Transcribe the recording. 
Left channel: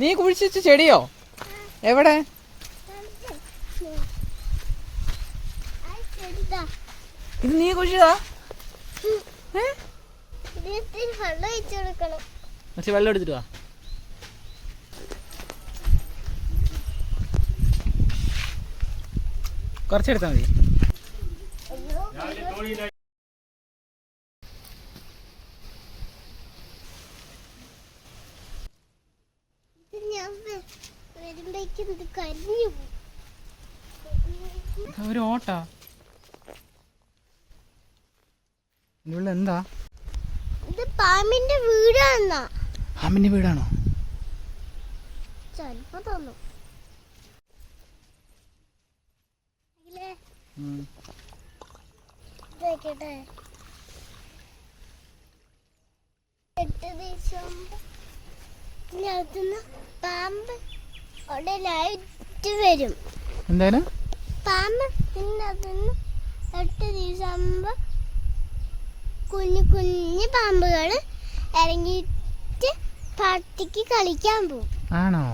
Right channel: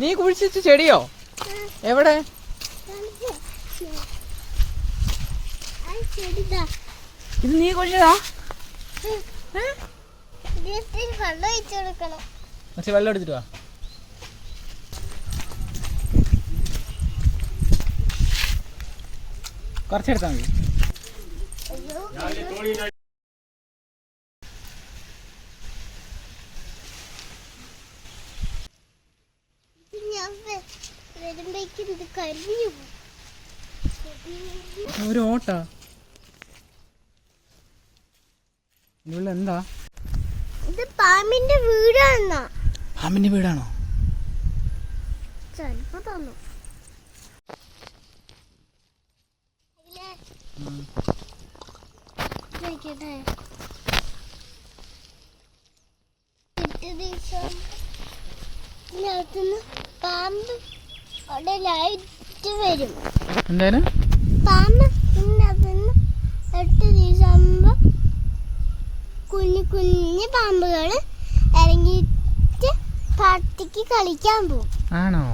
നീ കുഴിച്ചിട്ട് ചെടിയോ? എവിടെ? ഇത് നീ കുഴിച്ചതാ? വെള്ളം എടുത്തിട്ട് വാ. കുറച്ചെടുത്താ മതി. ഒരു ഓട്ടാ എന്താ? ഇത് പാമ്പിന്റെ വീടാണോ? പാമ്പിന്റെ വീടാണോ? ചിലപ്പോ തോന്നും. പാമ്പ് അവിടെ ലൈറ്റ് വരും. എന്തായാലും പാമ്പ് പിന്നെ അതിന് 8 ദിവസമാകുമ്പോ കുഞ്ഞു കുഞ്ഞു പാമ്പുകള് ഇറങ്ങിയിട്ട് കാട്ടിക്ക് കളിക്കാൻ പോകും. ആണോ?